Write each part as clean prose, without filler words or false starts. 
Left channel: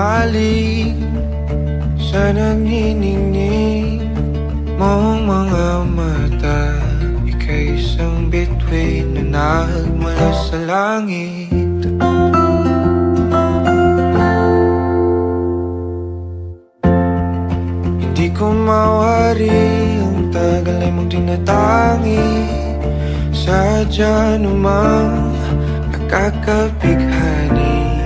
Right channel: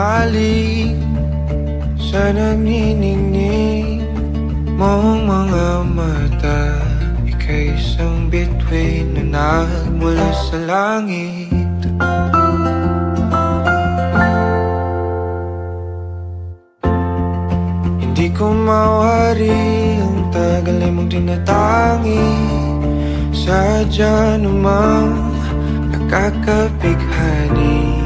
humaling sa nagniningning mong mga mata. Ika'y isang bituin na nagmula sa langit. Hindi ko mawari ang tagal ay mong tinatangi. Sadya namang nakakapighani,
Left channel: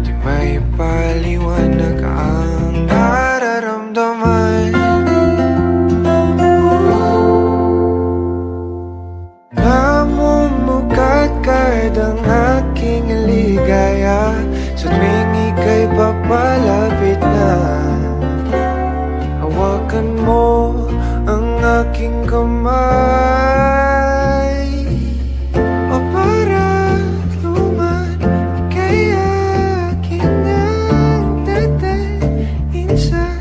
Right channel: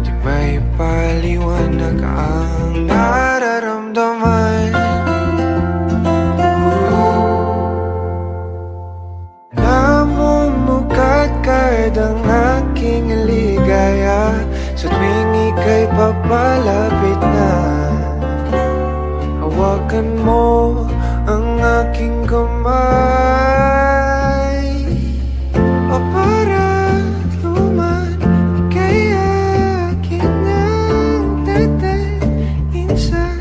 di may paliwanag ang nararamdaman. Namumukat kahit ang aking ligaya sa tuwing ika'y papalapit na. Hawakan mo ang aking kamay, o para't luman, ika'y akin ang tatalin sa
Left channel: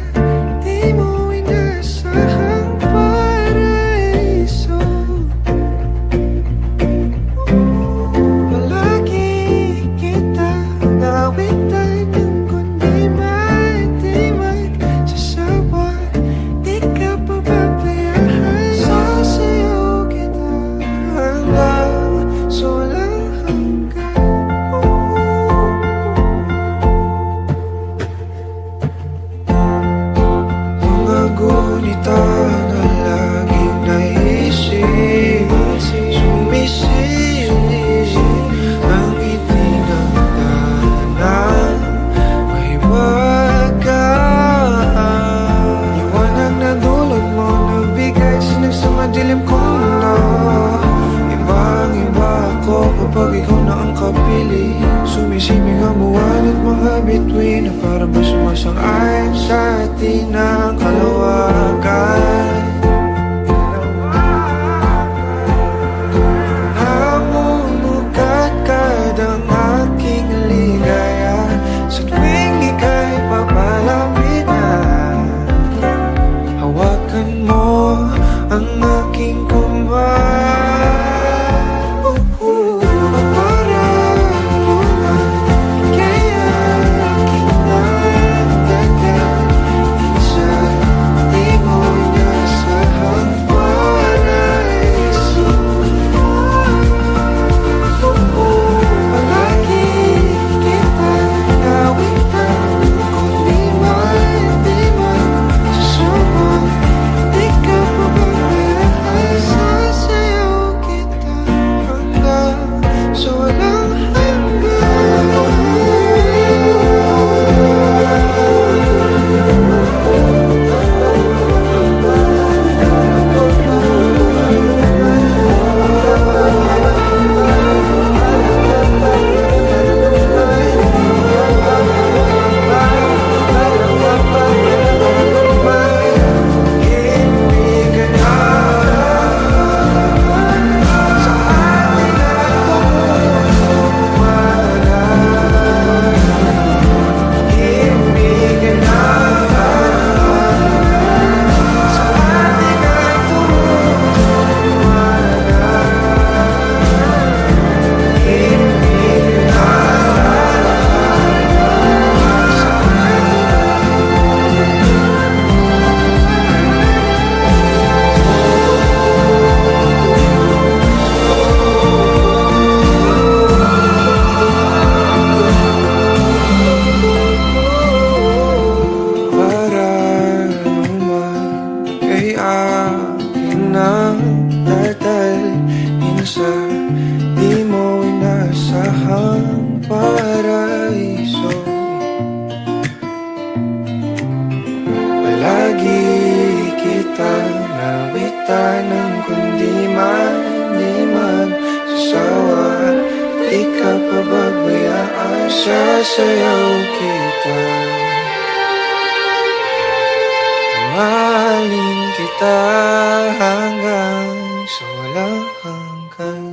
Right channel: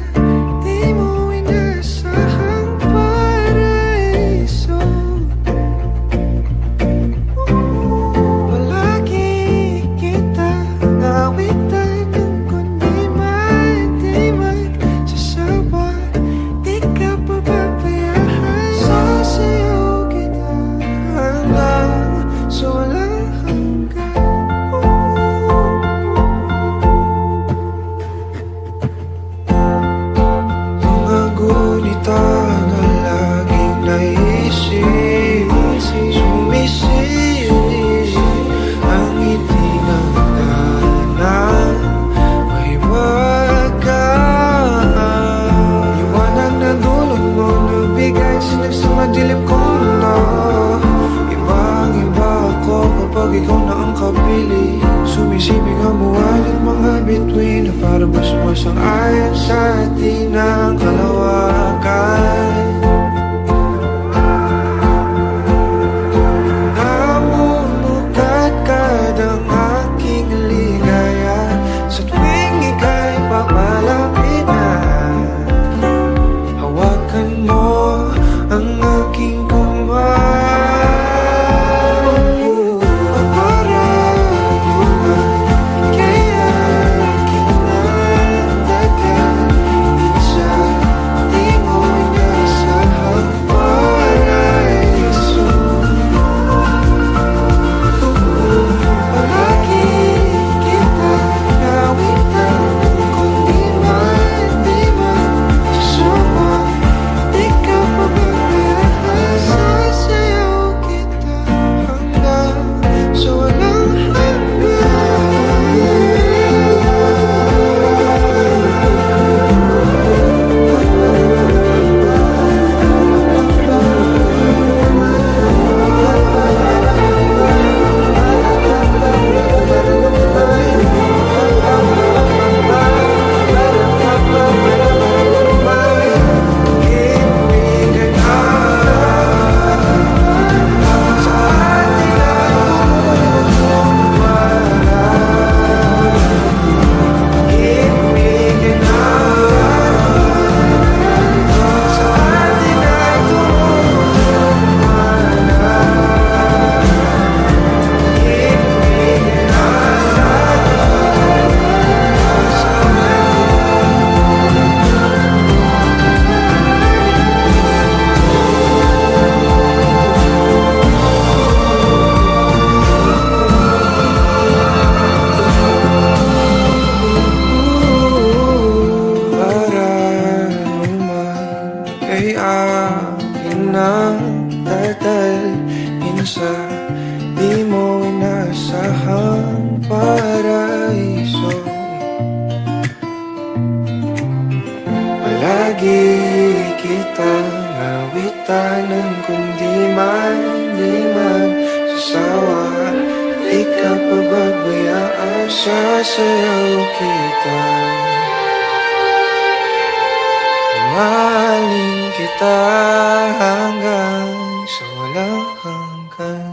di mo inasahang paraiso. Palagi kitang awitan ng kundi man di magsasawa. Di ka pababayaan, sasayaw kita hanggang sa walang hanggan. Mga gunita na laging naisip, sumisilip ang ngiti ng tanang may wagas. Liwanag na dulot mo, nagbigay sinag sa madilim kong mundo. Ibang-iba ako kapag ikaw na ang kapili. Sumisibing ang buwan at mga bituin na para ba sumasang-ayon sa atin ang kalawakan. Namumukat kadang aking ligaya sa tuwing ika'y papalapit na. Hawakan mo ang aking kamay, o para luman, ika'y aking nagdadalhin sa di mo inasahang paraiso. Palagi kitang awitan ng kundi man di magsasawa. Di ka pababayaan, sasayaw kita hanggang sa walang akin ang tatalhin sa di mo inasahang paraiso. Palagi kitang awitan ng kundi man di magsasawa. Di ka pababayaan, sasayaw kita. Mahalin kita hanggang sa walang hanggan.